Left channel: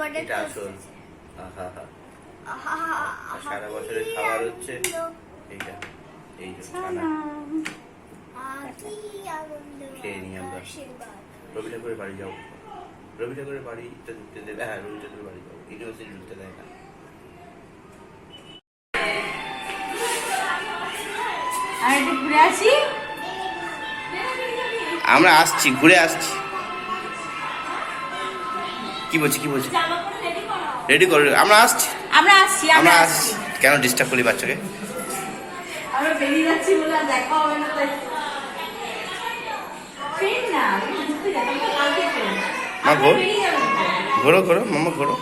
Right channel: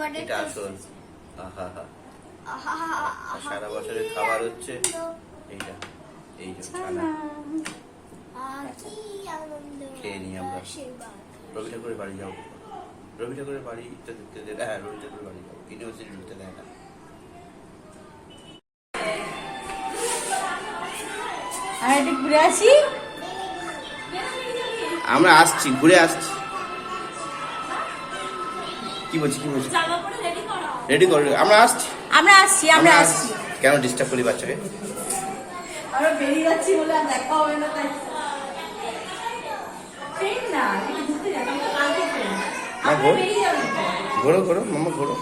Butter এটা আসল। আহা হা সারা বছরের খাবার হচ্ছে এইটা এই যে ছানা। খেয়ে নিই আমরা। রবি ঠাকুরের বাড়ি যাও। রবি ঠাকুরের বাড়িটা ঢুকতে দেবে। হ্যাঁ রবি ঠাকুরের বাড়ি যাও। ইউনিভার্সিটি ঢুকতে দেয় না। ঘুরে আসি? আমরা আসছি ঘুরে আসছি। কি বলছি কি বলছি? রেডি করো। আমরা আসছি। আমরা আসছি আমরা আসছি। কেন ডিস্টার্ব করি বাচ্চাকে? আমরা বেরিয়ে যাচ্ছি বলে আর দেখা হবে না তাই। ট্রেন না একটু ঘুরতে যাব কালকে ট্রেন মা, ঘোর। ঘোরো ঘোরো মামা ঘোরো।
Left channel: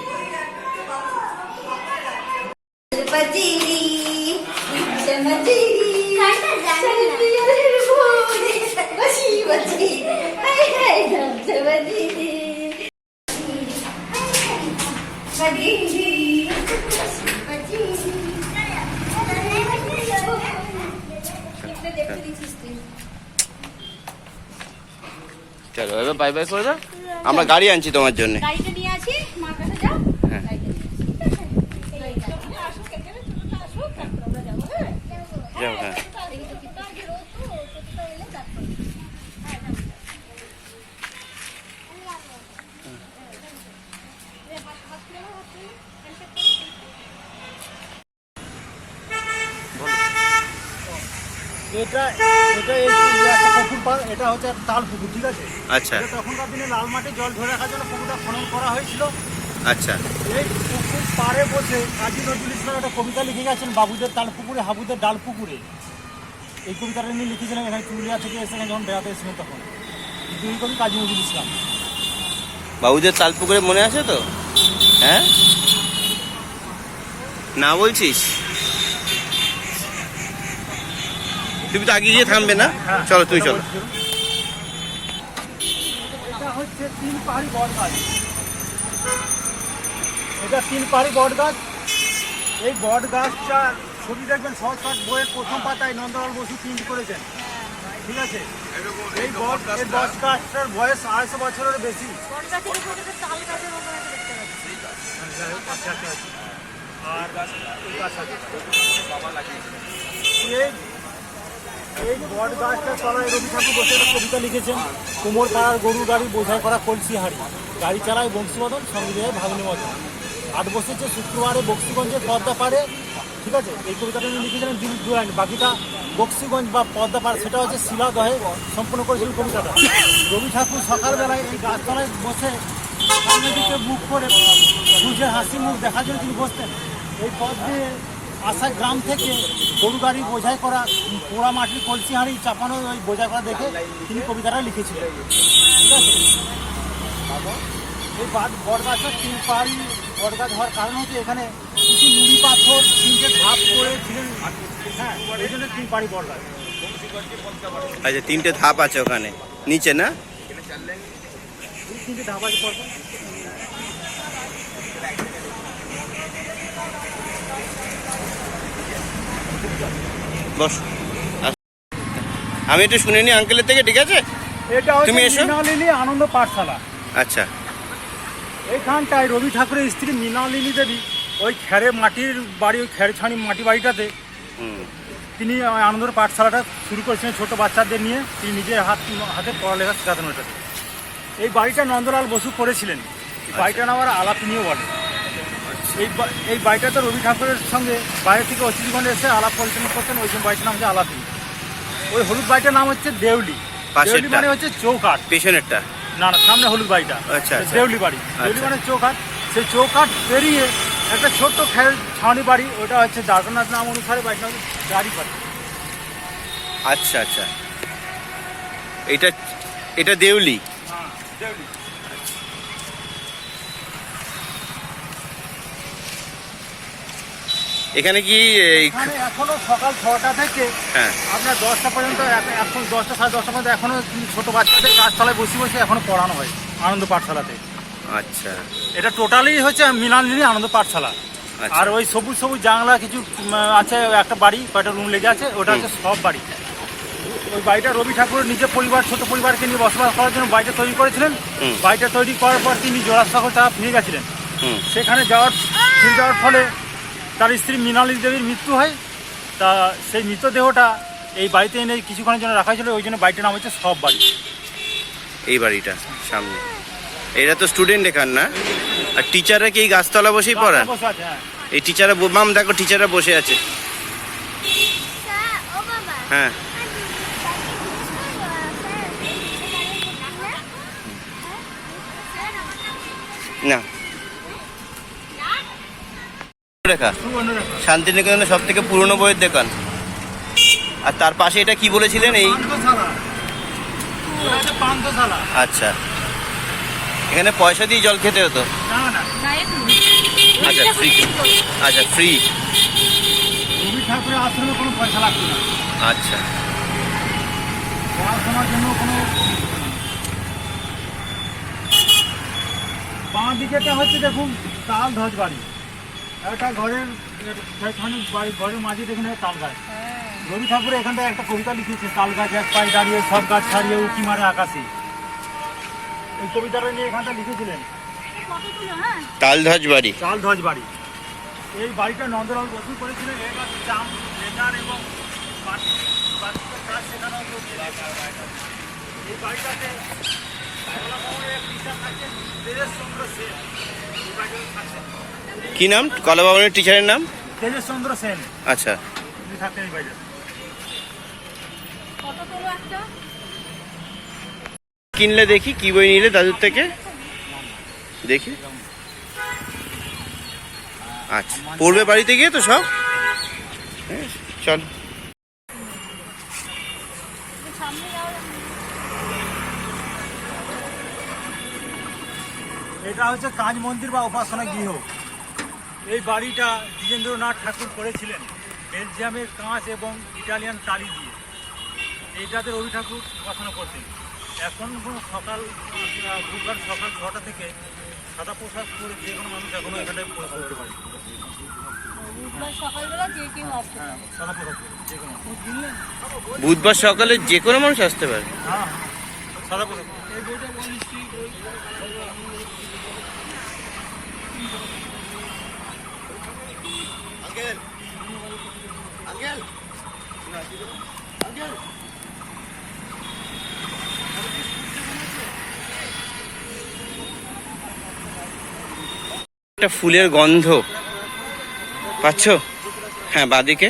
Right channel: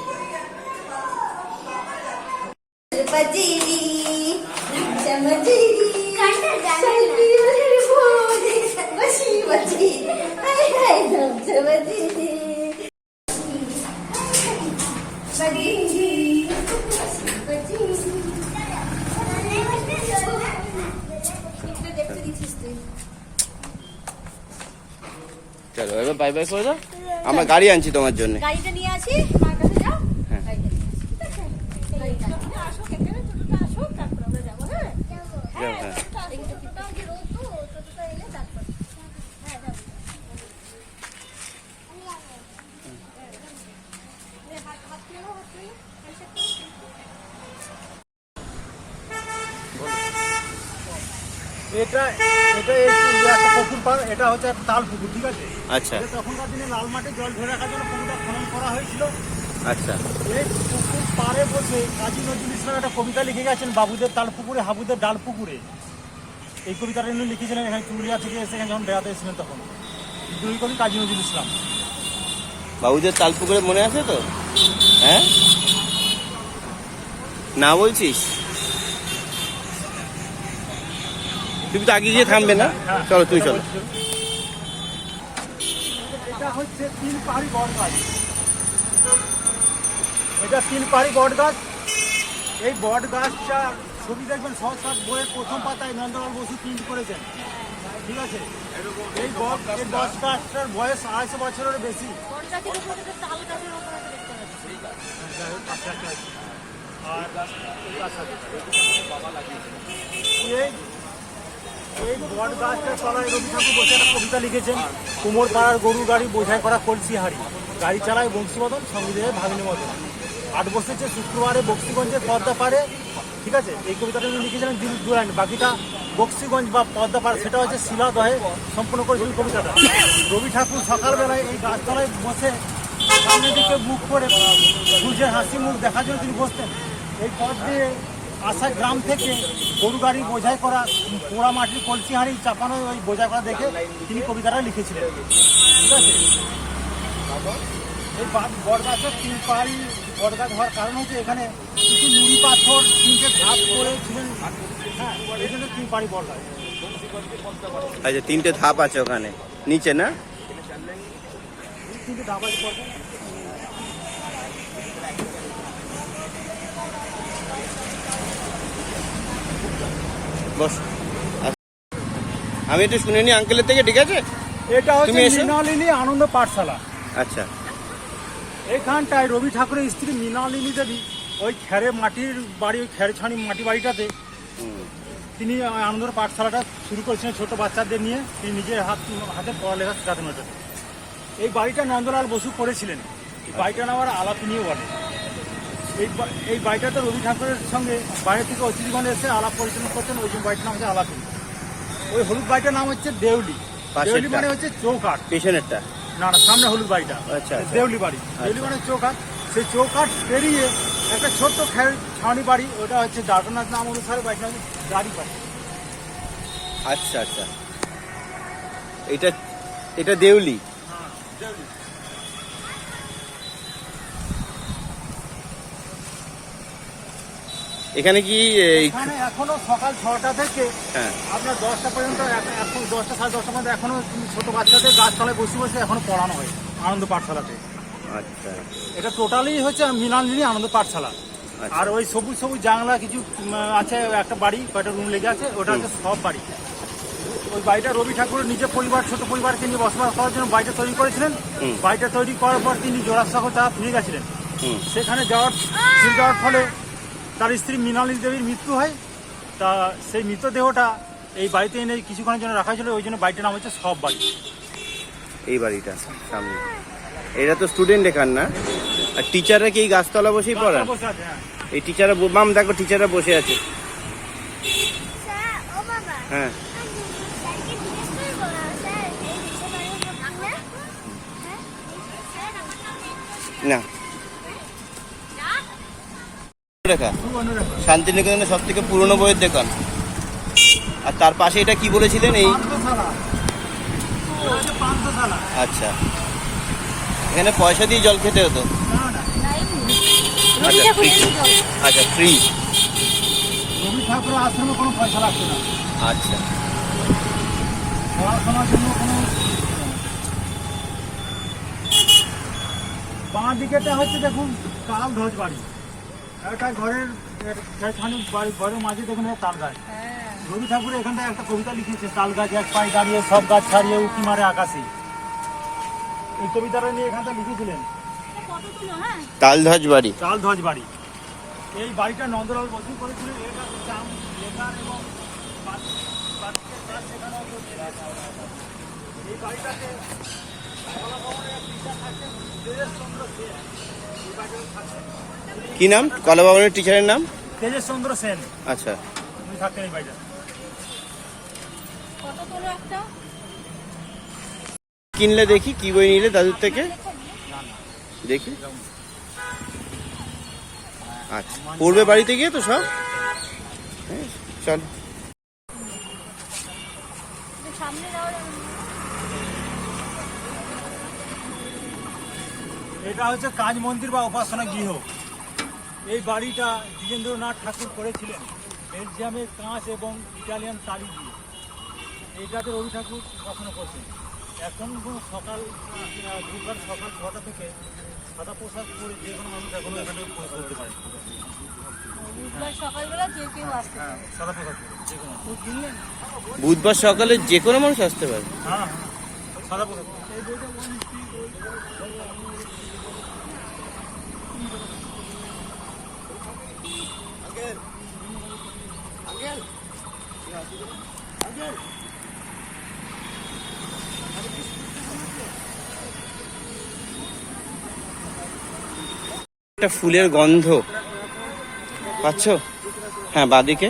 বাই বাই করে দাও। আমরা গাড়ি আনছি তোমার জন্য। গাড়িটা নিয়ে আসি মার কাছে যাও। হ্যাঁ। হ্যাঁ যাও হ্যাঁ। এটা এটা এই যে একটা পুকুর পার এটা হচ্ছে একটা তাল পুকুর ঠিক আছে? আচ্ছা। তখনকার দিনে লাল মাঠে জল ধরে রাখার জন্য পুকুরটা খনন করা হয়েছিল। আচ্ছা। এই পুকুর পাড়ে বসে কাজী নজরুল ইসলাম একটা কবিতা লিখে গেছেন বাবুদের তাল পুকুরে হাবুদের ডাল পুকুরে। এই কবিতাটা উনি লিখেছিলেন এখানে পুরুলিয়া থেকে এসে এখানে যখন বেড়াতে এসেছিলেন তখন। দুই কবি কাজী নজরুল ইসলাম। বাবুদের তালপুকুরে মনে আছে তো? হ্যাঁ? না বলছিস? তুমি তো আগে গিয়ে থামবে না? চলো তুমি চলো এটা হচ্ছে তিন পাহাড়ি বট গাছ এটা তিন পাহাড়ি বট গাছ এই বট গাছটা ছবি দেখবেন সহজ বইয়ের প্রথম পাতায় নন্দলাল বসু প্রিন্ট করেছেন ঠিক আছে এই বট এই বট গাছটার বয়স আড়াইশো বছরের বেশি এই এই বট গাছটা তলায় কবিতা লিখেছেন, কুমোর পাড়ার গরু গাড়ি বোঝাই করা কলসি হাড়ি। গাড়ি চালায় বংশীবদন সঙ্গে দেয় ভাগ্নি মদন আট বসেছে শুক্রবারে বক্সিগঞ্জের পদ্মা পাড়ে, ঠিক আছে? এই কবিতাটা উনি লিখেছিলেন দিল দুরান বাকিটা বক্সিগঞ্জ বা পদ্মা পাড়, সেটা হচ্ছে শিলাদহে সম্পূর্ণ করেছিলেন কবিতাটা। রবি ঠাকুর সকালবেলায় এই গাছতলায় বসে সামনের দিকে মুখ করে সূর্যের হাসি মুখ দেখার জন্য তিনি বসতেন। এই পথ দিয়ে আসা গ্রাম থেকে গরু গাড়ি বোঝাই করা পোড়া মাটির কলসি হাঁড়ি চাপানো ওই বোঝাই করা দেখে তিনি কবিতাটা লিখেছিলেন। ঠিক আছে? এই বট গাছটা তিন পাহাড়ি বট গাছ হওয়ার কারণ হচ্ছে এখানে কিছু নুড়ি পাথর তিনটে ধাপ করেছিলেন হ্যাঁ এই জন্য তিন পাহাড়ি বট গাছ আচ্ছা তিনটে ধাপ আছে ওখানে। নিচে না? তিনটে ধাপ আছে বস। আমি একটু শুনে নি আঙ্কেলের থেকে ঠিক আছে? এটা তুমি এসো। মৃণালিনী আনন্দ পাঠশালা। আচ্ছা। এইখানটায় রবি ঠাকুরের স্ত্রী মৃণালিনী দেবী ওই খেরে মাটির বাড়ি ওই খেরে ছানি মাটি বাড়িটাতে তিনি ওই আনন্দর পাঠশালাটা শুরু করেছিলেন ছোট বাচ্চাদের নিয়ে। তিনি নিজের হাত হাতে পড়ালেখা শেখাতেন ওটা এই বাড়িটা নন্দলাল বসু করেছিলেন। বাড়িটা নাম আর আলাপিনীয় বলে। এই এই বাড়িটাতে রবি ঠাকুরের সঙ্গে বাইরে থেকে অতিথিগণ এসে আলাপ পরিচালনা করতেন ওই বাড়িটার নাম হচ্ছে আলাপি। ওই হলুদ বাড়িটার নাম হচ্ছে দেউলি। পাশেরটা? মানে হচ্ছে চৌকাঠ। পেছনেরটা। না না সামনে হলুদ বাড়িটা আচ্ছা, আচ্ছা। দেউলি বাড়ি। দেউলি আচ্ছা। মানে চৌকাঠ। সেই চৌকাঠ পেরিয়ে একটা ছোট্ট খেল ছাউনি বাড়ি ওটা হচ্ছে দাদনাথ নাম অনুসারে বাড়িটা গাড়ি বাড়ি আচ্ছা আচ্ছা। এটা এটা দেউলি? দেউলি। এখানে কি এখানে সকাল ছটা থেকে হ্যাঁ। আপনার দশটা পর্যন্ত এখন- দশটা সাড়ে দশটা পর্যন্ত এখনও ছোট বাচ্চাদের গাছতলায় বসে বসে এখনও পড়ানো হয় আনন্দ পাঠশালাতে। আচ্ছা। এটা টোটালি হচ্ছে মিলানলিনী আনন্দ পাঠশালা। আচ্ছা। আর ওই সবুজ সবুজ জানলা কিছু আছে একটা বাড়ি কয়েকটা রুম লেগে আছে ওটা হচ্ছে সব বাড়ি। ওই বাড়িটা রবি ঠাকুর নিজের পরিবার ছোট পরিবারকে নিয়ে বসবাস করার জন্য বাড়িটা তৈরি করেছিলেন। বাড়িটা তৈরি করার পর তিনি জোড়াসাগর তারা ফিরে গেছিলেন। সেখানে যাওয়ার ফিরে যাওয়ার ফলে তার স্ত্রী মৃণালী দেবীর মৃত্যু হয়। তা সেই মৃতদেহটা এই বাড়িতে এনে কিছুক্ষণের জন্য রাখা ছিল ওই জন্য বাড়িটার নাম হচ্ছে সব বাড়ি। এই বাড়িটা সামনে। এরা তো স্টুডেন্ট এখান না? আর টিচাররা কি এই গাছতলা বসেই পড়ান? হ্যাঁ। এই টিচাররা মাম দেখো টিচাররা বসে আছে। হ্যাঁ। স্যারকে রেখা খুব অন্যরকম। শান্তিনিকেতনের সব থেকে পুরনো বইয়ের দোকান। আর তার পাশে এটা কি বলেছিলেন এই। আচ্ছা। এখানে পয়সা দিয়ে জল খেতে হতো। আচ্ছা ফ্রি আচ্ছা ফ্রি আশ্রমে আচ্ছা। পড়াশোনার জন্য কোনো বাঁ দিকেটা হচ্ছে দেখুন তাল ধ্বজ বাড়ি একটা ঘরের যেখানে বাড়ি ঘরের মাঝে দেখুন তাল গাছ। রবি ঠাকুর এখানটায় একটা কবিতা লিখেছে তাল গাছ এক পায়ে দাঁড়িয়ে সব গাছ ছাড়িয়ে উঁকি মারে আকাশে। এই কবিতাটা নিয়ে এখানটা লিখেছিলেন। তালধ্বজ বাড়ি। চাল ধ্বজ বাড়ি। এই বাড়িটা নন্দলাল বসু করেছিলেন এই বাড়ির দাম লেখার এবং কাজ শেখানোর এই বাড়িটাতে কলা ভবনের এক টিচার থাকেন তেজেশ চন্দ্র সেন। এই বাড়িটাতে থাকতেন। কি নাম? কলা ভবনের টিচারের নাম? তেজেশ চন্দ্র সেন। আচ্ছা। কিনলে দেখি কি বই নিলে দাদুর থেকে? দেখি। আচ্ছা পড়বে বাড়িতে গিয়ে তো সব? হ্যাঁ, চল। এটা হচ্ছে কাজ মন্দির বা উপাসনা গৃহ। এই বাড়িটা দ্বিজেন্দ্রনাথ ঠাকুর করেছিলেন বেলজিয়ামের কাঁচ এবং ইটালিয়ান টালি দিয়ে। এইটাতে রবি ঠাকুর উপাসনা করতেন। এখন কোনো সকাল বুধবার সকাল ছটা থেকে সাদা পোশাক পরে যে কোনো মানুষ এখনও এখানে করতে পারে। বুধবার হ্যাঁ বুধবার সকালে যে কোনো মানুষ আসতে পারে। হ্যাঁ সাদা পোশাক এই বইটা বলিস একটা ফুলের গন্ধ। পাচ্ছ? হ্যাঁ বাদিকে।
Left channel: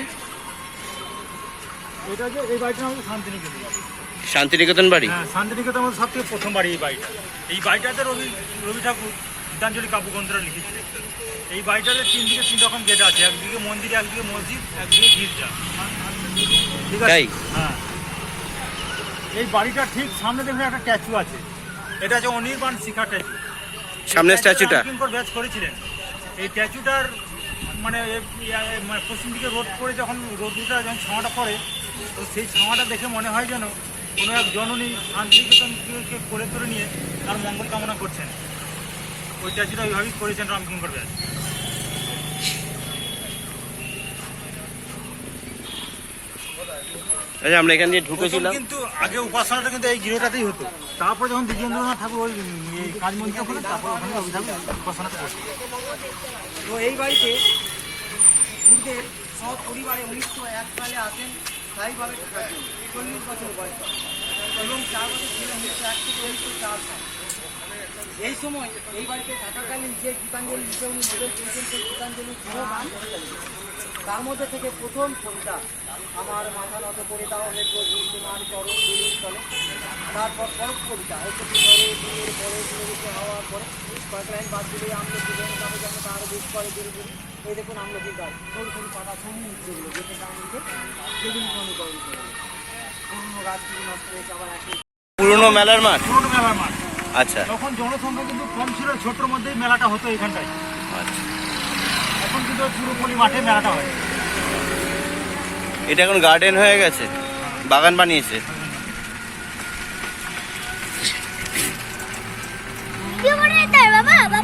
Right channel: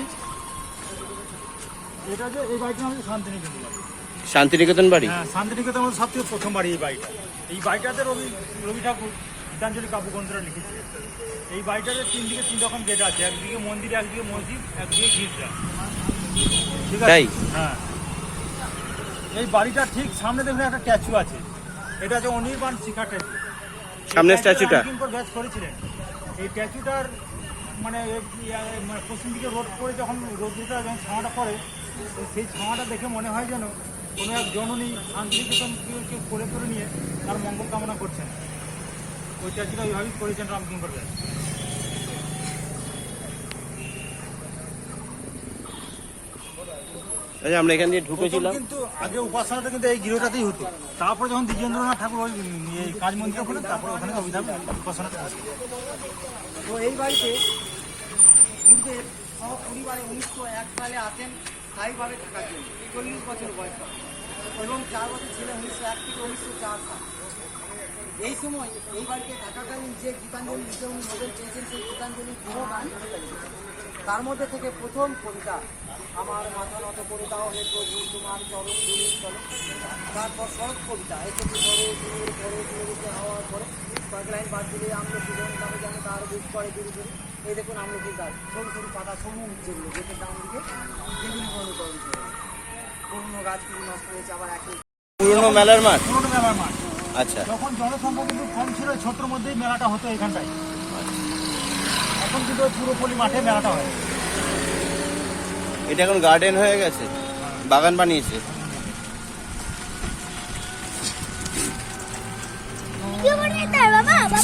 শান্তিনিকেতন শান্তিনিকেতন বাড়ি? হ্যাঁ শান্তিনিকেতন আমাদের সব থেকে প্রথম বাড়ি এই বাড়িটা। এই বাড়িটাতে রবি রবি ঠাকুর গীতাঞ্জলি কাব্যগ্রন্থরা লিখেছিলেন এই বাড়িটাতে তিন দিকে তিন রকম গেট আছে একদিকে মন্দির একদিকে মসজিদ একদিকে গির্জা। ঠিক আছে? হ্যাঁ। এই বাড়িটা ঠিক সামনে দেখুন একটা স্ট্যাচু আছে। এটা হচ্ছে অনির্বাণ শিখা স্ট্যাচু সামনের স্ট্যাচুটা ব্যাচ করেছিলেন। এই স্ট্যাচুটার মানে মানে পশ্চিম দিকে রোড করে যখন রোদটা যখন ছাওয়াটা পড়ে তো সেই ছাওয়াটা দেখে মনে হয় যেন কোনো এক জননী শান্তিনিকেতনকে কোলে করে নিয়ে তার মঙ্গল কামনা করছেন। ওই স্ট্যাচুটা ওইভাবেই করেছেন রামকিঙ্কর ব্যাচ আচ্ছা আমরা এখান দিয়ে ঢুকেছিলাম। কিন্তু আগে উপাসনাটা কিন্তু এই গৃহটাতেই হতো। তারপর যখন দ্বিজেন্দ্রনাথ ঠাকুর ওই কাজ মন্দির করে তারপর ওখানে রবি ঠাকুর উপাসনা তো এই বাড়িতে সব পরিবারে উনিশশো এক সালে আসেন স্থায়ীভাবে চল্লিশ বছর বয়স। এবং চার বছর উনিশশো এক থেকে উনিশশো চার সাল। এই সময় এই বাড়িতে থাকাকালীন যে গীতাঞ্জলি লিখে উনি নোবেল পেয়েছেন সেই গীতাঞ্জলি তার মধ্যে থেকে প্রথম কবিতা আমার মাথা মতো করে দেওয়া হে প্রভু তোমার চরণ দিনের চলো তারপর সব কবিতা হয়তো পরে দিনের পরে দিনের হওয়ার পরে কয়েক লাইন বাদ দিলে আমরা জীবন যাবে যেন তার বুক করে দিন দিন এই দেখুন আমলকি গাছ সরু সরু পাতা সমূহ যেগুলো যেটা দাম দিকে সেদিন মনে করে অন্য গাছগুলো নষ্ট হয়েছে আবার একই। পুরনো মেলার মাঠ? পুরোনো মেলার মাঠ। আচ্ছা। তখন জনসংখ্যা কিন্তু কম ছিল ছোট্টর মধ্যেই মেলাটা হতো এখানটায়। আচ্ছা। এখন কিন্তু পুরোপুরি মাঠে মেলাটা হয়। এটা এখন গার্ডেন হয়ে গেছে? বাগান বানিয়েছে? বাবা?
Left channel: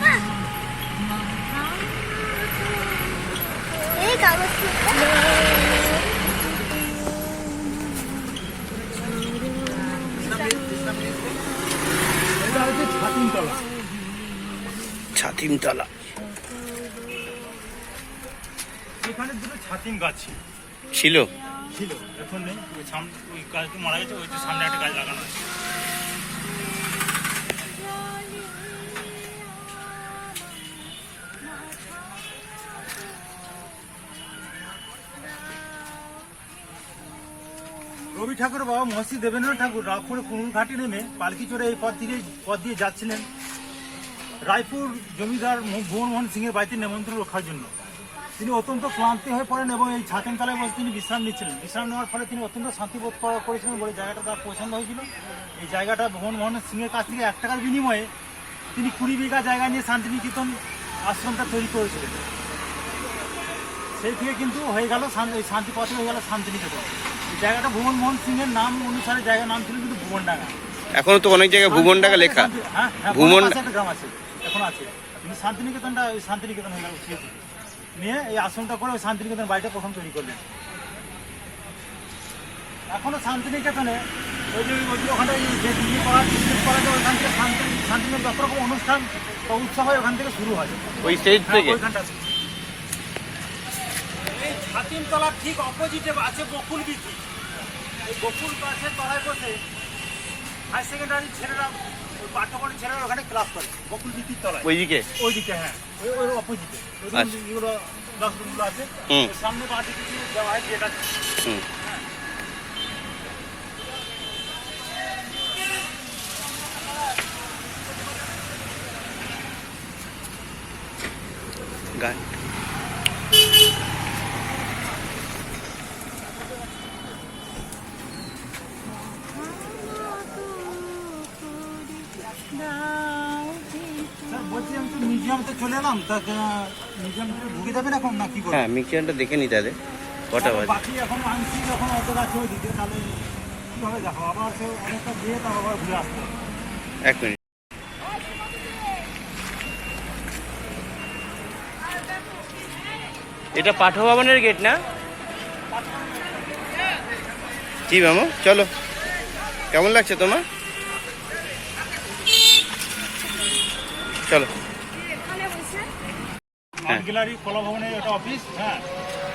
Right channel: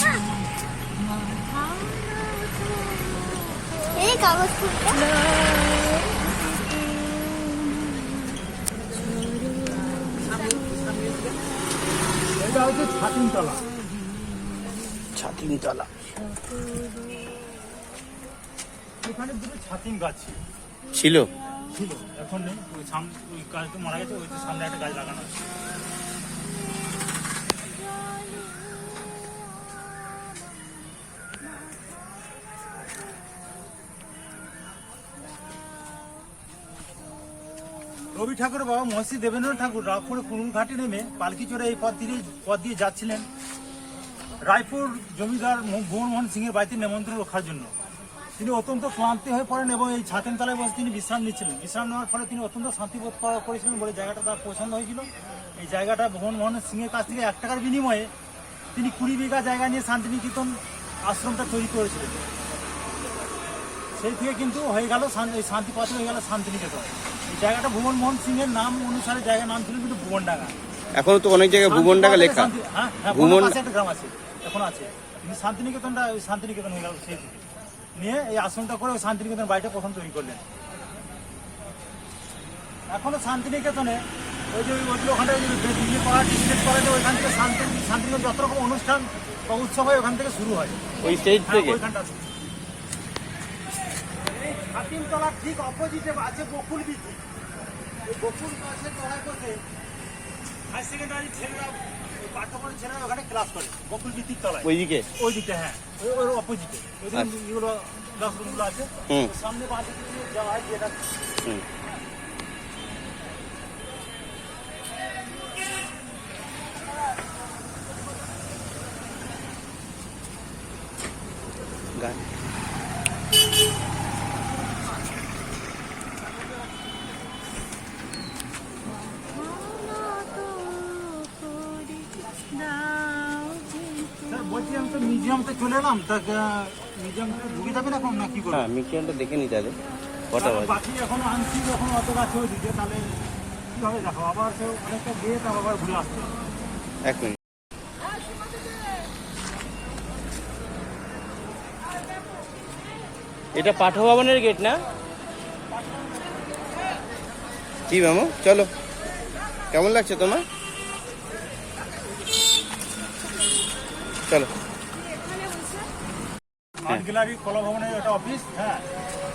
হচ্ছে ছাতিমতলা। ছাতিমতলা। এখানে দুটো ছাতিম গাছ ছিল। ছিল? ছিল। এখন নেই। সামনে ওই গাছটা মারা গেছে ওই যে সামনে একটা গাছ লাগানো আছে। রবি ঠাকুর বাবা মহর্ষি দেবেন্দ্র ঠাকুর রায়পুর কুনুর ঘাটে নেমে পালকি চড়ে এই পথ দিয়ে পথ দিয়ে যাচ্ছিলেন। রায়পুর জমিদার ভুবনমোহন সিংয়ের বাড়িতে নেমন্ত্রণ রক্ষার জন্য। তিনি অত্যন্ত ক্লান্তি হয়ে পড়েন এবং এই ছাতেন তলায় বসে তিনি বিশ্রাম নিচ্ছিলেন। বিশ্রাম নেওয়ার ফলে তিনি অত্যন্ত শান্তিবোধ করা- করেছিলেন বলে জায়গাটা তার পছন্দ হয়েছিল। এই জায়গাটা ভুবনমোহন সিংয়ের কাছ থেকে এক টাকার বিনিময়ে তিনি কুড়ি বিঘা জায়গা নিয়ে শান্তিনিকেতন আশ্রমটা তৈরি করেছিলেন। সেই থেকে কিন্তু হয়ে গেল শান্তি পথে হয়ে গেল শান্তিনিকেতন। জায়গাটা ভুবনমোহন সিংয়ের নাম অনুসারে জায়গার নাম ছিল কিন্তু ভুবনডাঙ্গা। এখনও তো অনেক জায়গায় ভুবন টাকা লেখা হ্যাঁ হ্যাঁ ভুবন- ভুবন একটা গ্রাম আছে এখন আছে। তিনি শান্তিনিকেতনটা ওই শান্তিনিকেতন হয়ে গেল সেই থেকে। নিয়ে এই আশ্রমটা করে ওই শান্তিনিকেতন বাড়িটা প্রথম তৈরি করলেন। এখনও শান্তিনিকেতনে ওই যে ওইগুলো ওখানে বিয়ে করা ডিসপ্লেট করা যায় ওইখান থেকে শান্তি শান্তিনিকেতন যত রকম অনুষ্ঠান বা উৎসব হয় ওখান থেকে শুরু হয়। ওই স্টেজ হ্যাঁ, থেকে? ওইখানটা এই ঠিক অপোজিটে আছে বকুল বিথি এই বকুল গাছের তলায় বসে হাই সেকেন্ডারি ছেলেরা পাঠ্যক্রম ছেলেরা ওখানে ক্লাস করে বকুল বিথির তলায়। ওইদিকে? ওইদিকে হ্যাঁ। ওই ওই অপোজিটে ওই। এগুলো ক্লাসরুমগুলো আছে। সামনে বাঁধে কিছু দেওয়া হয় যেটা হুম গান স্যার বলছি আমি তো মিউজিয়ামতে চলে এলাম তা ঢুকে না কি করবেন হ্যাঁ দেখে নিতে হবে। কটা বাজে? বাকি এখনও আনছি এখন অত গাছে ওইদিকে তাহলে কীভাবে দেখো? আবার অনেকটা তারপর আবার ঘুরে আসতে এক মিনিট। এটা পাঠভবনের গেট না? কি মামু? চলো। কেমন লাগছে তোমার? চলো। আর্ট গ্যালারি কলা ভবনের একটা অফিস হ্যাঁ।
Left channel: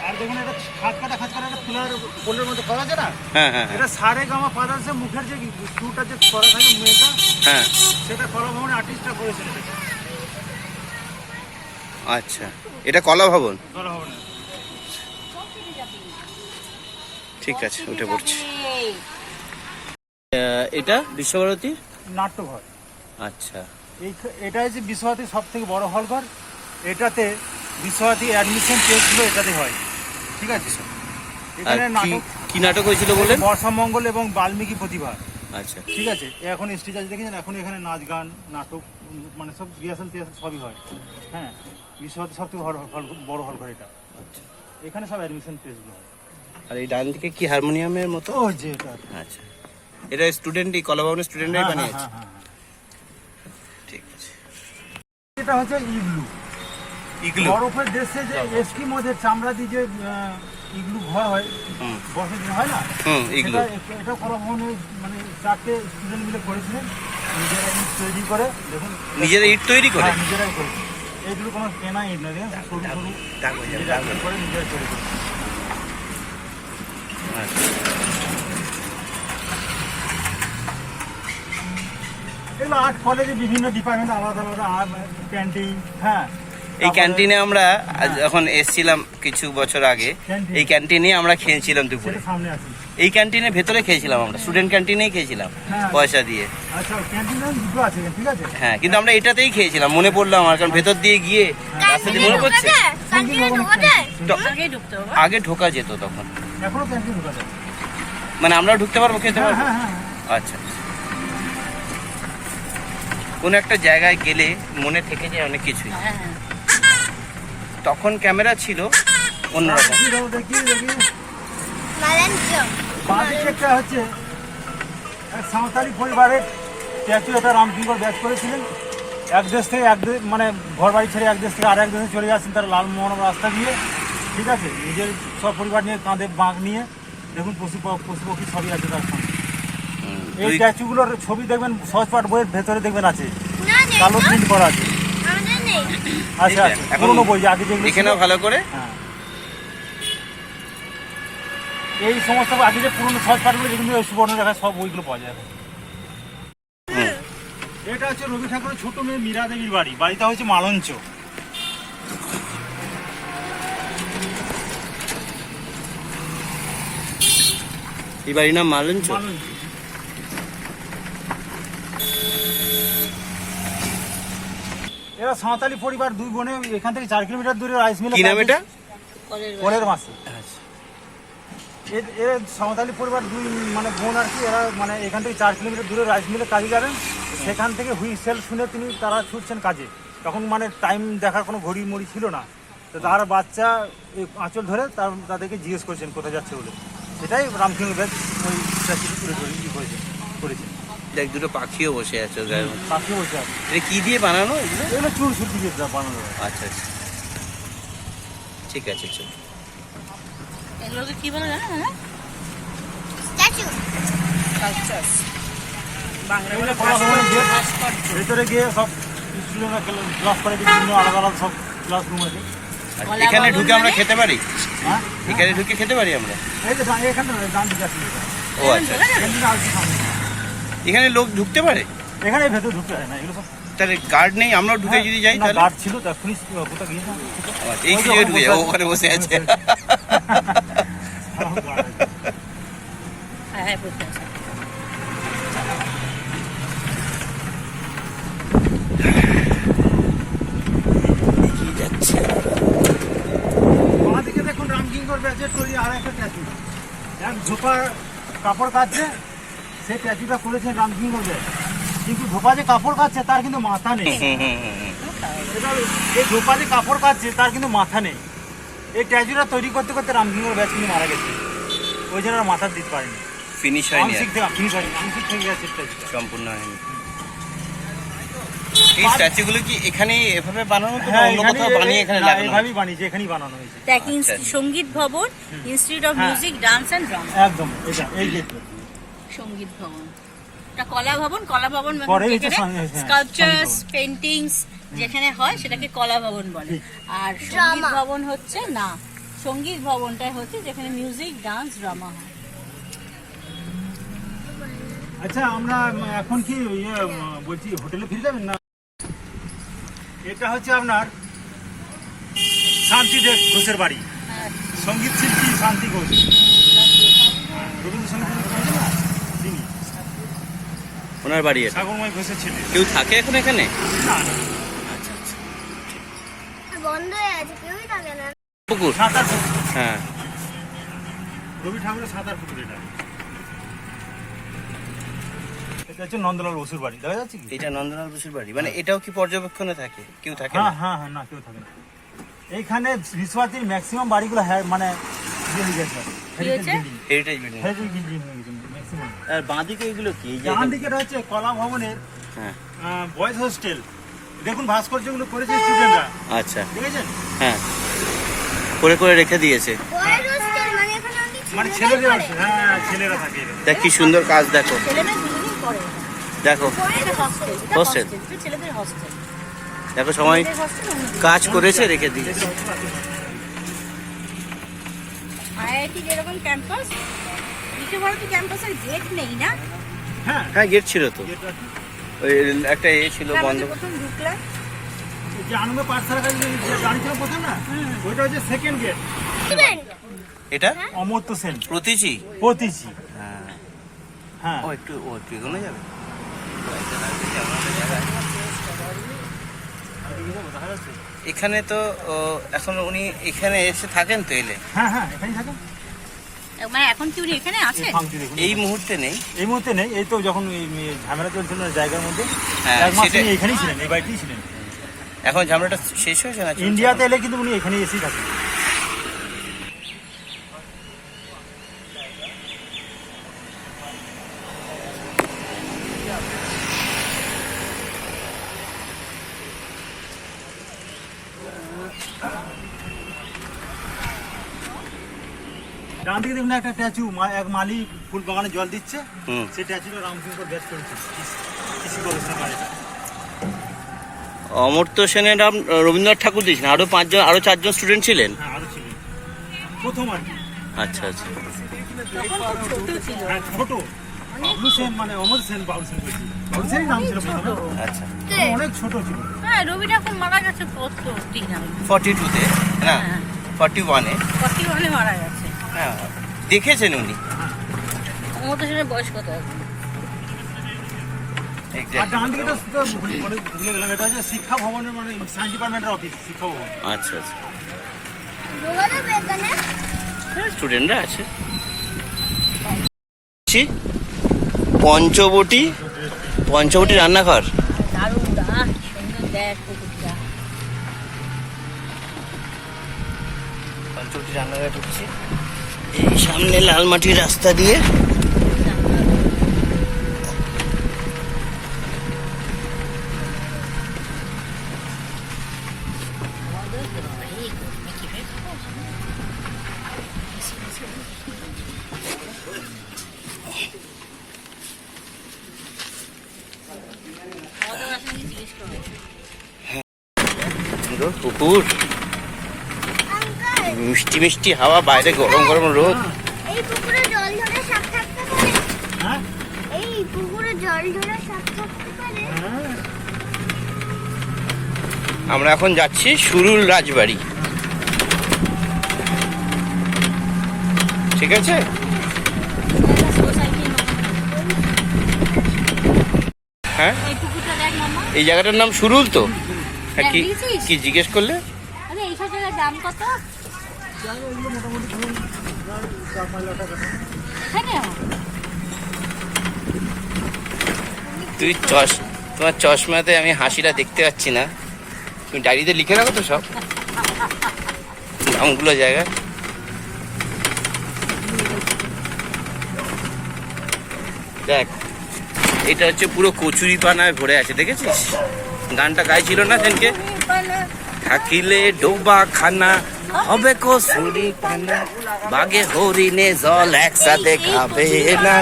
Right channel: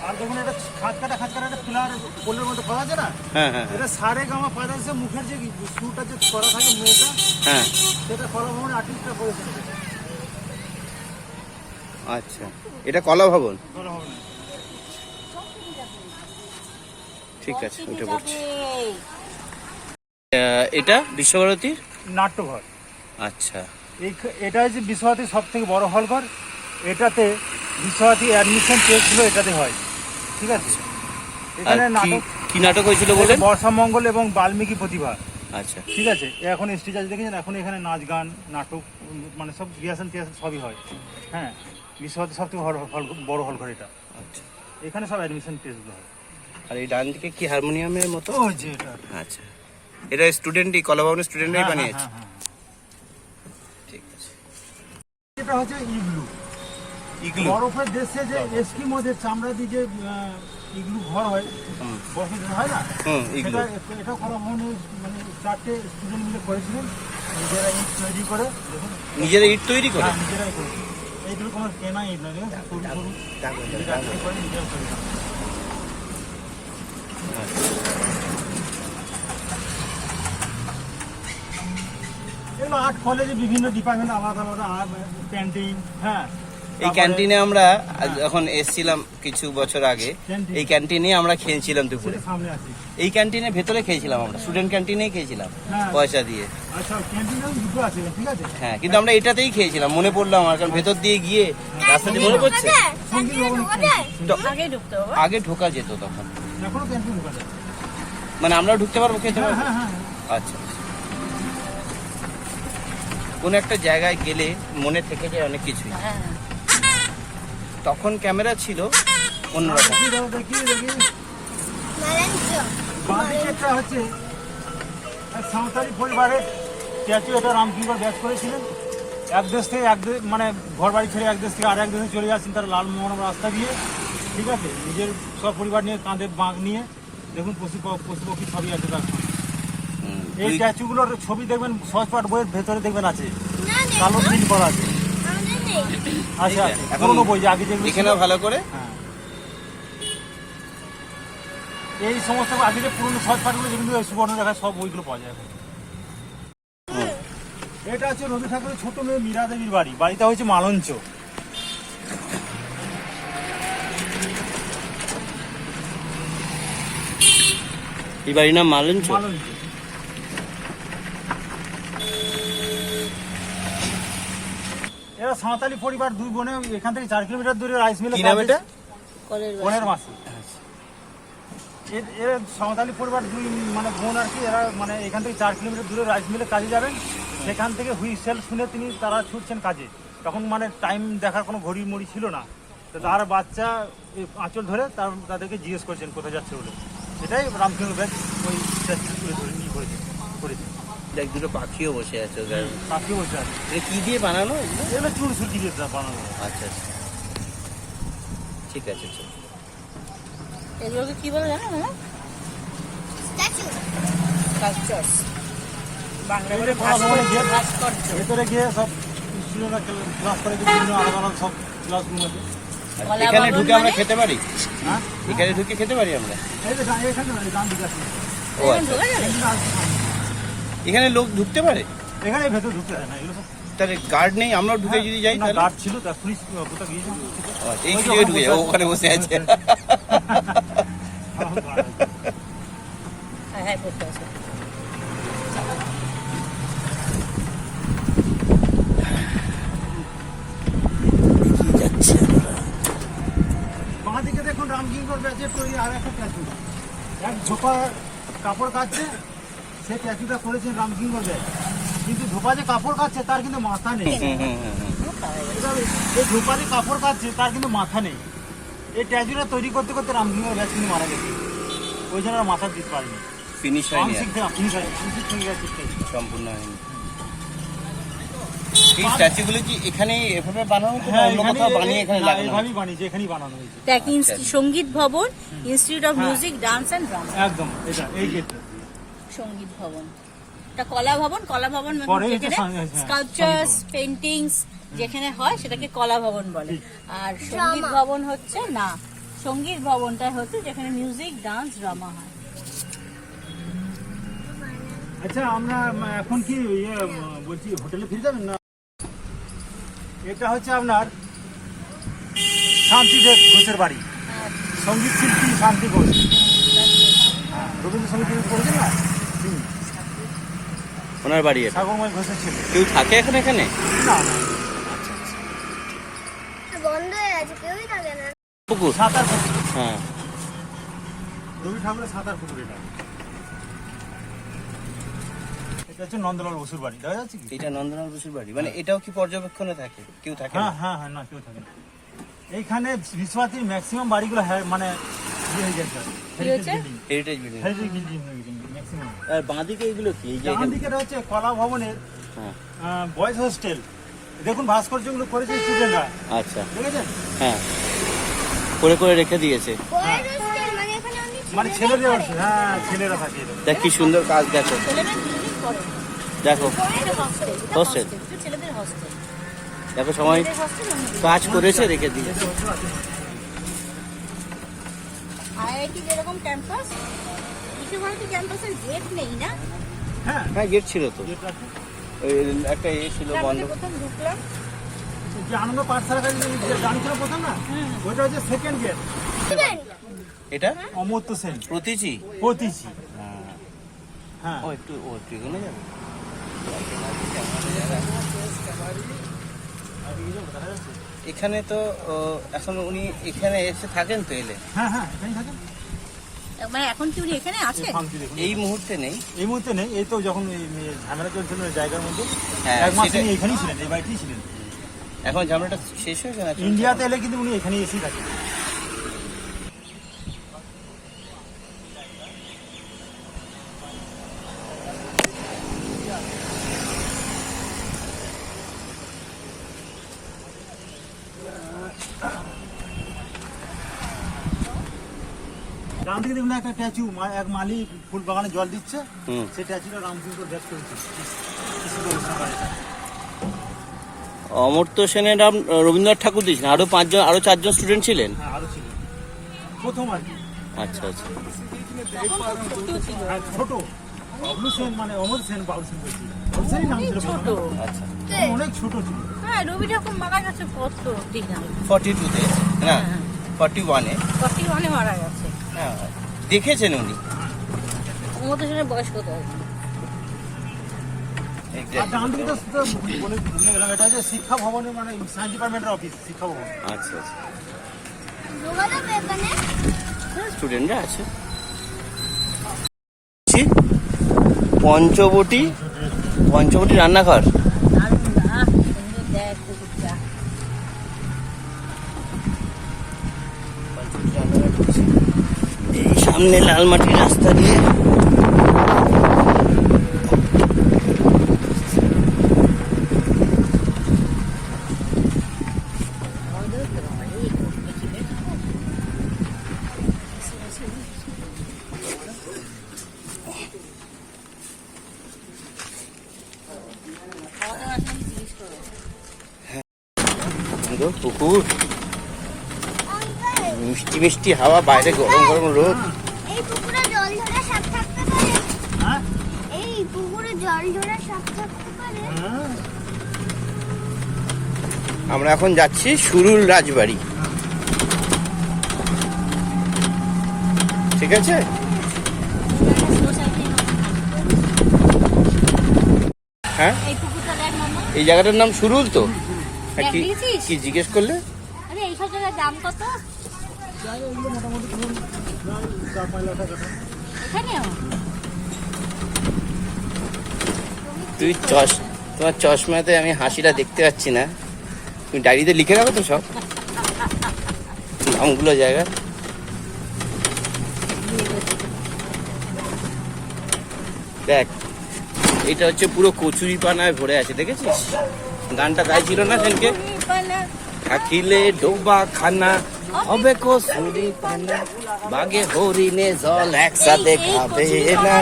আর দেখুন এটা খাত কাটা খাত কাটা একটা পিলার পোলের মধ্যে করা আছে না? হ্যাঁ হ্যাঁ হ্যাঁ, এটা সারে গামা ফাদার্সের মুখের যে শুটা যে করা থাকে মেয়েটা হ্যাঁ। সেটা কলা ভবনের আর্টিস্টটা করেছিল আচ্ছা। এটা কলা ভবন? ঠিক আছে উঠে পড়ছি। এটা বিশ্বভারতীর? নাট্যঘর। আচ্ছা। এই এটা হচ্ছে বিশ্বভারতীর সব থেকে বড় হলঘর। এটাতে বিশ্বভারতী অ্যাডমিশন টেস্টগুলো এটাতে হয়। ঠিক আছে? আর এখানে নাটক কি নাটক হয়েছিল বলেন? বর্ষা মঙ্গল এবং বাল্মীকি প্রতিভা। আচ্ছা। ঠিক আছে? এখন স্টেজ আছে দেখেছেন? এখন এখানে নাচ গান নাটক মানে সব রিহার্সাল টিহার্সাল সবই হয়। হ্যাঁ? বিশ্বভারতী সব থেকে হল- বড় হল ঘর এটা আচ্ছা। এখানে সব অ্যাডমিশন টেস্টগুলো হয়। আর এই ডান দিকে কি হারমোনিয়ামের মতো? ও যে এটা। আচ্ছা। এটা স্টুডেন্টই কলা ভবনের স্টুডেন্টরাই হ্যাঁ, বানিয়েছে? হ্যাঁ, হ্যাঁ, হ্যাঁ। ঠিক আছে। এটা হচ্ছে ইগলু ইগলু। বরফের দেশে যে চামড়া দিয়ে যে ইগলু ঘর হয় যে হয় না? হুম ইগলু। এটা কলা ভবনে মানে চারটে স্টুডেন্ট মিলে করেছিলেন নিজেরা ইট তৈরি করে দেখুন। নিজেরা ইট তৈরি করে? হ্যাঁ, নিজেরাই করেছে। এইগুলো কোনো কেনা ইট না দেখেন সরু সরু দাগ হয়ে যাবে, দাগ করে নিজেরা তৈরি করে। আচ্ছা। এগুলো আর্ট কলেজে বিভিন্ন ডিপার্টমেন্ট আলাদা আলাদা আর্ট ক্যান্টিন হ্যাঁ। এই ক্যান্টিনে আমরা আজ যখন এসেছিলাম কিছু বছর আগে এই ক্যান্টিনে আমরা খেয়েছিলাম দুপুরে। সেটা সামনে আছে এই ক্যান্টিনে ভেতরে খেয়েছিলাম আমরা স্টুডেন্ট ক্যান্টিনেই খেয়েছিলাম হ্যাঁ। পয়সা দিয়ে। আচ্ছা ক্যান্টিনে দুটো আছে ঠিক আছে? হ্যাঁ কিন্তু আমরা এটাতেই খেয়েছিলাম মনে পড়ল আমার কারণ ভেতর দিয়ে গিয়ে রাস্তা দিয়ে মনে হবে। আগে ঢোকা যেত তখন। মানে আমরাও ঢুকতে পারব খেতে হ্যাঁ পারব? হ্যাঁ হ্যাঁ। আচ্ছা। কোন একটা জায়গায় গেলে মনে থেকে যায় অনেক কিছুই। হ্যাঁ। তখন ক্যামেরা ছিল অন্যরকম। সাঁওতালি পরিবারের স্ট্যাচু এটা রামচন্দ্র ব্যাস করেছিলেন। এক দেশ থেকে এক দেশ মানে ঘর বাড়ি ছেড়ে এক দেশ থেকে আর এক দেশে চলে যাচ্ছেন তারা লালমোহন রাস্তা দিয়ে। ঠিক আছে? নিজের সব পরিবার নিয়ে কাঁধে বাঁক নিয়ে দেখুন পশু প- পশু পক্ষী সবই আছে তার এই স্ট্যাচুগুলোর ছবি দেখবেন সহজ পাঠ বইয়ের ভেতরে দেখবেন আছে। কালো প্রিন্ট করা আছে। আচ্ছা এখন দেখে নাও ভালো করে। হ্যাঁ। এই সমস্ত আগে যে পুরোনো সব কাঠগুলো যেগুলো সুবর্ণ রেখা সব বইগুলো পাওয়া যায়। এটা হচ্ছে রবি ঠাকুরের ছোট মেয়ে মীরা দেবীর বাড়ি। বাড়িটা হচ্ছে মালঞ্চ। এই বাড়ির নাম মালঞ্চ? মালঞ্চ। এরা সাঁওতালি পরিবার দুই বোনে এখান থেকে চার কিলোমিটার দূরে রাইস মিলে কি নাম এটা? পরের মাসে। এর- এর সাঁওতালি পরিবার দুই মানে বোন আর কি এরা মানে এখান থেকে চার কিলোমিটার দূরে রাইস মিলে কাজে যাবেন। সেখান থেকে হুইসেল শুনে তিনি তারা ছুটছেন কাজে। তখন মানে টাইম দেখার কোনো ঘড়ি মড়ি ছিল না। তো তার বাচ্চা এই আঁচল ধরে তার তাদেরকে জিজ্ঞেস করছেন কোথায় যাচ্ছে বলে। এটাই রামকিং ব্যাগ ওই করেছে করেছে দেখ দুটো পাখিও বসে আছে গায়ের মধ্যে। পাখি বসে আছে। এটা কি দিয়ে বানানো? এগুলো? এগুলো চুর সুটি দিয়ে বানানো। আচ্ছা আচ্ছা। ঠিক আছে চল। এগুলোকে কি বলে জানো না স্ট্যাচু। দিয়ে ভাস্কর্য ভেতরে গিয়ে সব স্টুডেন্টরা ক্লাস করে বিভিন্ন আলাদা আলাদা সব ক্লাসরুম আছে। এখানে ঢুকে আমরা মানে? খেতে পারি? হ্যাঁ? এখানে ঢুকে খেতে পারি আমরা? ও আচ্ছা আচ্ছা। এখানে লোক ঢুকতে পারে? এখানে ভেতরে ঢুকতে হয় না এগুলো সব তাহলে গার্ড নেই? আমরাও ঢুকে যদি যাই তাহলে? গার্ড ছিল তা পুলিশ কোথাও গিয়েছে এই জায়গায় ঢুকে যাব ওখানে বসে আছে। হ্যাঁ হ্যাঁ বসে আছে। দেখুন রামকিঙ্কর ব্যাচের তৈরি আর একটা এক ঝোপা কাপড় কাটছে। সেই ট্যাচুটা করেছেন রামকিঙ্কর ব্যাচ কিন্তু ঝোপা যে কাপড় কাটছে তার কিন্তু মাথা নেই। এই ঝোপা যে কাপড় কাটছে তার কিন্তু মাথা নেই। এই ট্যাচুটা তৈরি করতে করতে রামকিঙ্কর ব্যাচ কিন্তু মারা গেছে। ওই জন্য মাথা দিতে পারেনি। ফিনিশ হয়নি ফিনিশ হয়নি। আংশিক থেকে চেষ্টা সম্পূর্ণ হয়নি। এই স্ট্যাচুগুলো কি এখানে এভাবে বানানো তো হ্যাঁ, অন্য কোথাও বানিয়ে এখানে না, লাগানো এভাবেই বানিয়েছে এখানেই বানানো হয়েছে। দেখ আচ্ছা। Sangeet Bhavan institute of. Music dance and drama একদম এটা এই গেটটা সংগীত ভবন। এটা কলা ভবন কলা ভবন মানে হ্যাঁ, স্কাল্পচার্স পেন্টিংস যেখানে হয় সেটাকে কলা ভবন বলে। আর সংগীত ভবন হচ্ছে না সংগীত ভবনটাই হচ্ছে যেখানে মিউজিক ডান্স ড্রামা হয়। আচ্ছা আমরা এখন কি ইয়ে বলছি হোটেলে ফিরে যাবেন না? এটা হচ্ছে আপনার শান্তিদেব ঘোষের বাড়ি। সংগীত শিল্পী শান্তি ঘোষ। হ্যাঁ, রবীন্দ্রসঙ্গীত না তিনি ওনার বাড়ি এটা? সাগরময় ঘোষের ছেলে। কেউ থাকে এখন এখানে? না না। বন্ধ হয়ে গেছে কেউই থাকে না। পুকুর? সাঁতার পুকুর। হ্যাঁ। রবি ঠাকুরের সাঁতার পুকুর এটা। এটা হচ্ছে নন্দলাল বসুর বাড়ি দেখা যাচ্ছে কি? এটা নন্দলাল বসুর বাড়ি। মানে এটাও কি পর্যবেক্ষণে থাকে? কেউ থাকে না? হ্যাঁ হ্যাঁ হ্যাঁ না কেউ থাকে না। এইখানে ম্যাক্সিমাম বাড়িগুলো হ্যাঁ মানে ইয়ে হয়ে গেছে। হেরিটেজ বিল্ডিং হেরিটেজ আর বাঁদিকে এগুলো কি? ডান দিকে রয়েছে কলা ভবনের হ্যাঁ। বয়েজ হোস্টেল দেখুন ভাস্কর্যগুলো করেছে স্টুডেন্টরা আচ্ছা। দেখেছেন? হ্যাঁ। করে করে রেখে দিয়েছে। মানে এখানে মানে ছেলেরা ছেলেরা হ্যাঁ ছেলেরা থাকে দেখ কি সুন্দর কাজ দেখো। দেখো। hostel। দেখো সময় কাজ করেছে রেখে দিয়েছে। আইআইটি যেরকম ক্যাম্পাস ক্যাম্পাসের গেট নেই না? হ্যাঁ। হ্যাঁ গেট ছিল তো। ওই একটা এ ছিল বন্ধ। এটা? অমর্ত্য সেন। প্রতিচি? পতিচি হ্যাঁ। হ্যাঁ। ও একটু ও যাবে? এখানে তো এখন উনি এখানে এসে থাকেন তো এলে? হ্যাঁ হ্যাঁ এখানেই থাকেন। মানে এখন কি উনি এখানে? আছে? এই এই মুহূর্তে নেই। এই মুহূর্তে নেই এই তো যখন ঝামেলা চলছিল জায়গার মধ্যে। হ্যাঁ, এখানেই ছিলেন এই বাড়িতেই ছিলেন। এখন ঝামেলাটা শেষ হয়েছে না ইন্ডিয়াতে এলে কিন্তু উনি এখানেই এসেই থাকেন দেখুন একটা স্ট্যাচু এক মালি ফুল বাগানে জল দিচ্ছে। হুম। সেই স্ট্যাচুটা রামকিঙ্কর ব্যাস করেছে। অমর্ত্য সেনের নাম রবীন্দ্রনাথ ঠাকুর দিয়েছেন। আরও পাঁচজন আরও চারজন স্টুডেন্ট ছিলেন? হ্যাঁ আরও প্রথম আর কি। আচ্ছা আচ্ছা। হ্যাঁ ছোট। বাবলু সেন মানে অমর সেন বাবলু সেন। বাবলু সেনই নাম ছিল আচ্ছা। অনেক ছোট ছিল। হ্যাঁ রবি ঠাকুর মারা গেছে কত ঠিক না ফর্টি টুতে না? হ্যাঁ। ফর্টি ওয়ানে ফর্টি ওয়ানে মারা গেছে। হ্যাঁ। দেখেছেন উনি? বয়স কত শিক্ষা ভবনের মানে সায়েন্স ডিপার্টমেন্টের অফিস শিক্ষা ভবন। আচ্ছা আচ্ছা। যোগাযোগ স্টুডেন্টরা আছে। পঞ্চবটি পঞ্চবটি রান্নাঘর দারুণ আহ কি সুন্দর দেখ পুকুরটা পঞ্চবটি রান্নাঘর ঢুকছি এই সামনে লাল মাটির রাস্তা দিয়ে। পুকুর। মিষ্টি মিষ্টি হাওয়া বাইরে গরম গরম রোদ এই পুকুরে জল ধরে সাপ থাকতে পারে হ্যাঁ এই পুকুরে জল ধরে সাপ থাকতে পারে হ্যাঁ আমরা এখন যাচ্ছি সুরুল রাজবাড়ি। ঠিক আছে? হ্যাঁ? এই পুকুরটা দেখ মামা। এই জায়গাটার নাম সুরুল তো? হ্যাঁ কি জিজ্ঞেস করলে? দাম কত? মোটামুটি ধরুন প্রায় চার পাঁচ লাখ টাকা দাম। এখানে তুই চশ, তোমার চশমাতে আমি হাসিটা দেখতে পাচ্ছি না। তুমি ডায়েরিতে লিখে রাখো তো সব। নামগুলো জায়গা। দেখ, এটা হচ্ছে পুরো কচুরি পানায় ভরে আছে, দেখেছিস? গানটা গাইছিল না সেনকে? থাকিলে ডোবা খানা, হবে কচুরি পানা। বাগে হরিণে জল একসাথে খাবে না।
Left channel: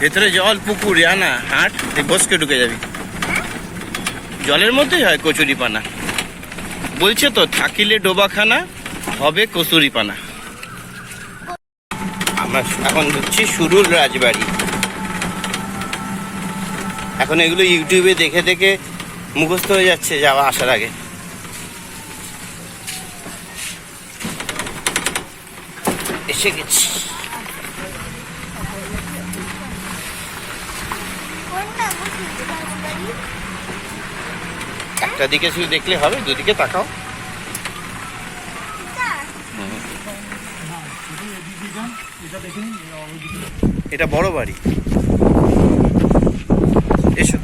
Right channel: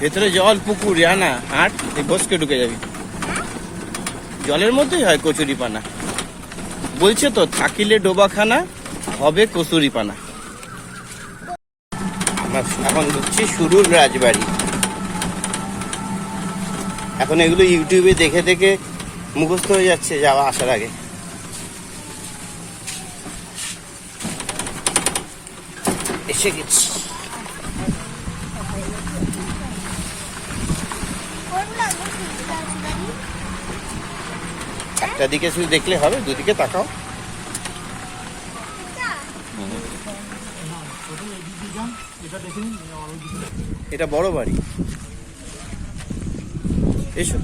ভেতরে জল, পুকুর, আনা, হাট তুই বসকে ঢুকে যাবি। জলের মধ্যেই হয় কচুরি পানা বলছে তো, থাকিলে ডোবাখানা, হবে কচুরি পানা আমরা এখন ঢুকছি সুরুল রাজবাড়ি। এখন এগুলো ইউটিউবে দেখে দেখে মুখস্থ হয়ে যাচ্ছে যাওয়া, আসার আগে। এসে গেছি। একটা দিকে শুধু দেখলে হবে, দুদিকে তাকাও। এটা বড় বাড়ি। এসো।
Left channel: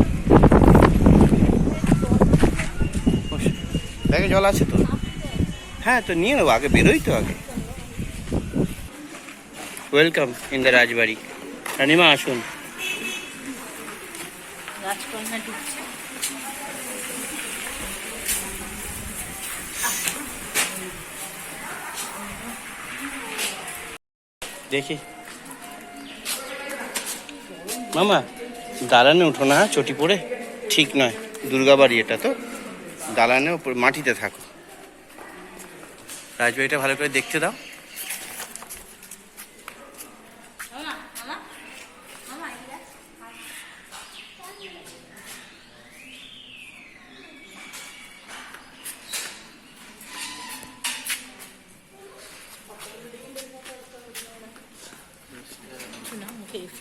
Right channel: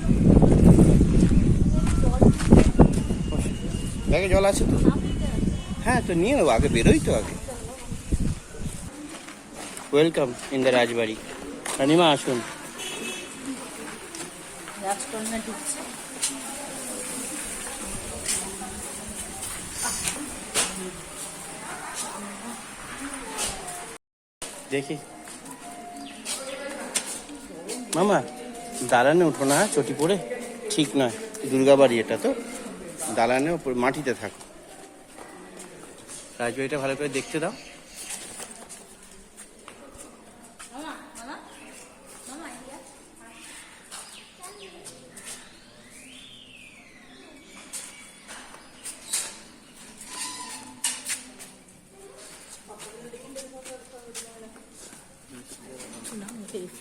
ব্যাগে জল আছে তো? হ্যাঁ তো নিয়ে নেব, আগে বেরোই তো আগে। ওয়েলকাম ইন দ্য রাজবাড়ি রানিমা আসুন। দেখি। মামা দালানে উঠো না হ্যাঁ, চটি পড়ে? ঠিক নয়। দুর্গা বাড়ি এটা তো। দালানে মাটিতে থাকো। রাজবাড়িটা ভালো করে দেখতে দাও।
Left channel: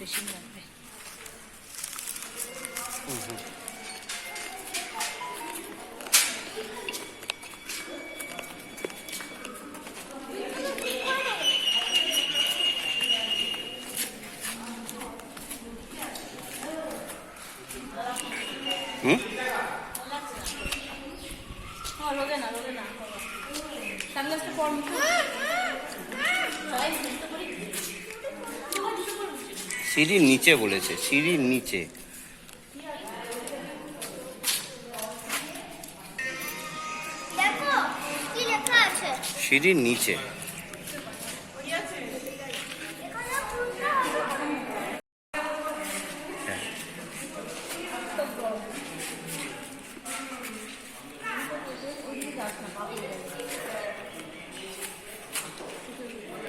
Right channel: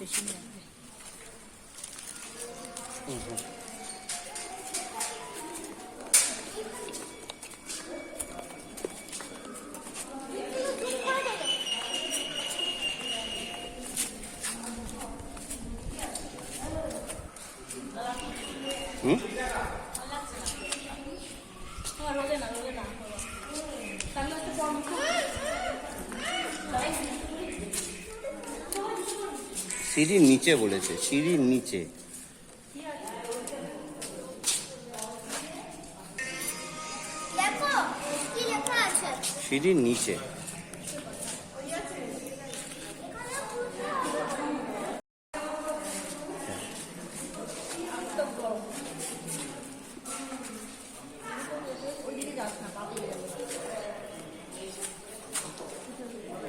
新人。নিচে বলেছে সিঁড়ির নিচে। সিঁড়ির নিচে।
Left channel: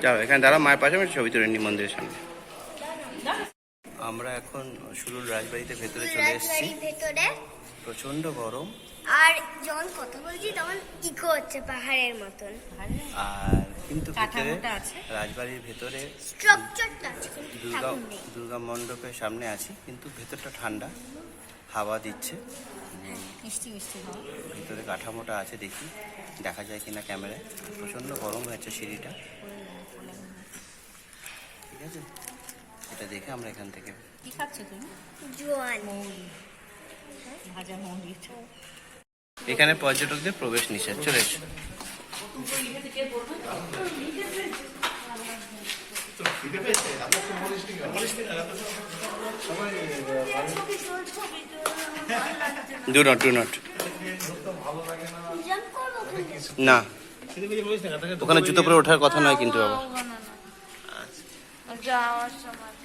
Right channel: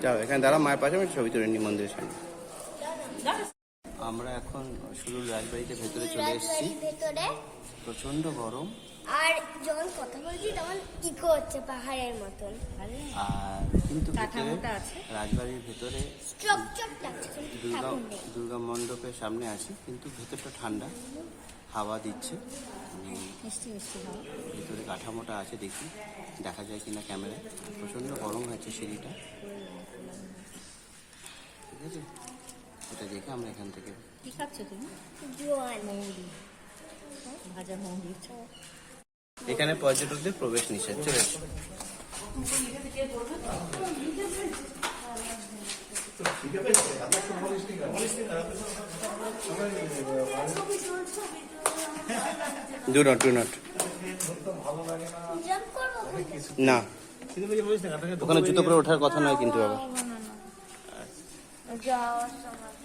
যাও এখানে দাঁড়া মায়ের পাশে আমি ছবি তুলে নি মন্দিরের সামনে। এখন সুরুল রাজবাড়িতে ভেতরে চলে এসেছি। রাজবাড়ির ভেতরে। প্রচণ্ড গরম। আর যখন কথা বলছি তখন ইকো হচ্ছে পাহাড়ের মতন। আর কিন্তু ভেতরে কাঠামোটা আছে। রাজবাড়ির ভেতরে স্ট্রাকচারটা দুর্গা দুর্গা মণ্ডপের সামনে আছি কিন্তু ভেতরটা ঠান্ডা। হাওয়া দিচ্ছে। মিষ্টি মিষ্টি ভিতরে কাঠামোটা আছে দেখি দেখা যায় কিনা ক্যামেরায়। প্রচণ্ড গরম হয়েছে সিঁড়িটা। ঠিক আছে? এটা দেখে আমরা এখান থেকে কি খাচ্ছ তুমি? জোয়ান। মৌরি। ভাজা মৌরি। এখানে পর্যটকদের প্রবেশ নিষেধ চলে এসো। ডু নট ডু নট না। ওখানে জুতো পরে ওঠার কথা নয় কিন্তু বাবা যাওয়ার সময়।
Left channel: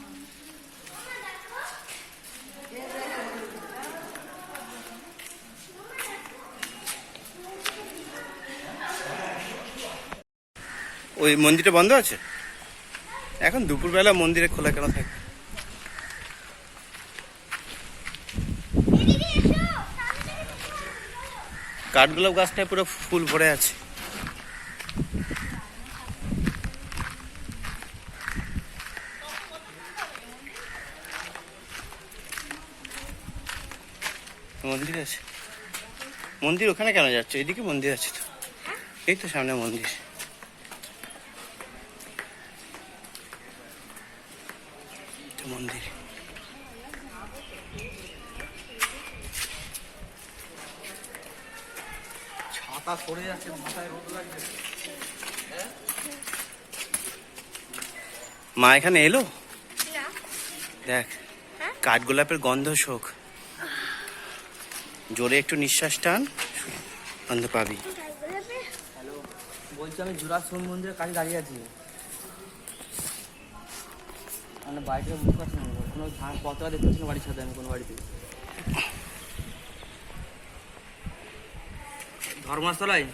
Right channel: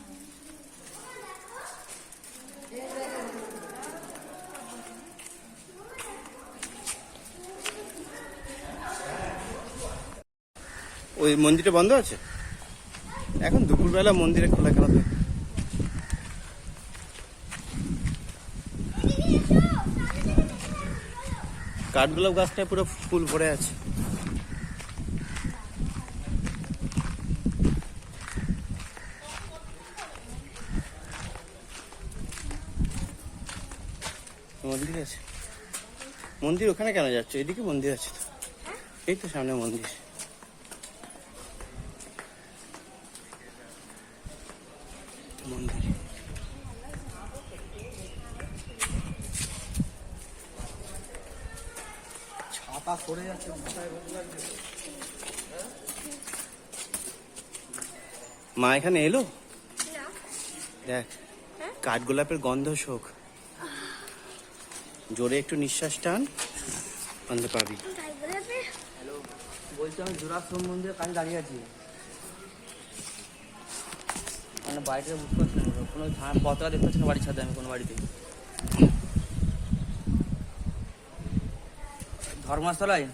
ওই মন্দিরটা বন্ধ আছে? এখন দুপুরবেলা মন্দিরে খোলা কেন থাকে? কাঠগোলাপ গাছটায় পুরো ফুল ভরে আছে। মন্দির আছে? মন্দির ওখানে কেন যাচ্ছে? এদিকে মন্দির আছে তো। এই তো সামনে মন্দির এটা মন্দির ছাতা পড়ে যাচ্ছে মাথায় রোদ লাগছে মা এখানে এলো? দেখ কাঠগোলাপের গন্ধ শোক। জোরে একটু নিঃশ্বাস টান গন্ধ পাবি। বলছি আমি জোড়া শিব মন্দিরের কাছে দাঁড়িয়ে আছি। আমার বাড়িতে বুঝতে পারছি না কোনো ধান পতাকা দেখতে পাচ্ছি না বাড়ির সাথে আমি কোনো বাড়িতে। ধর্মশালায়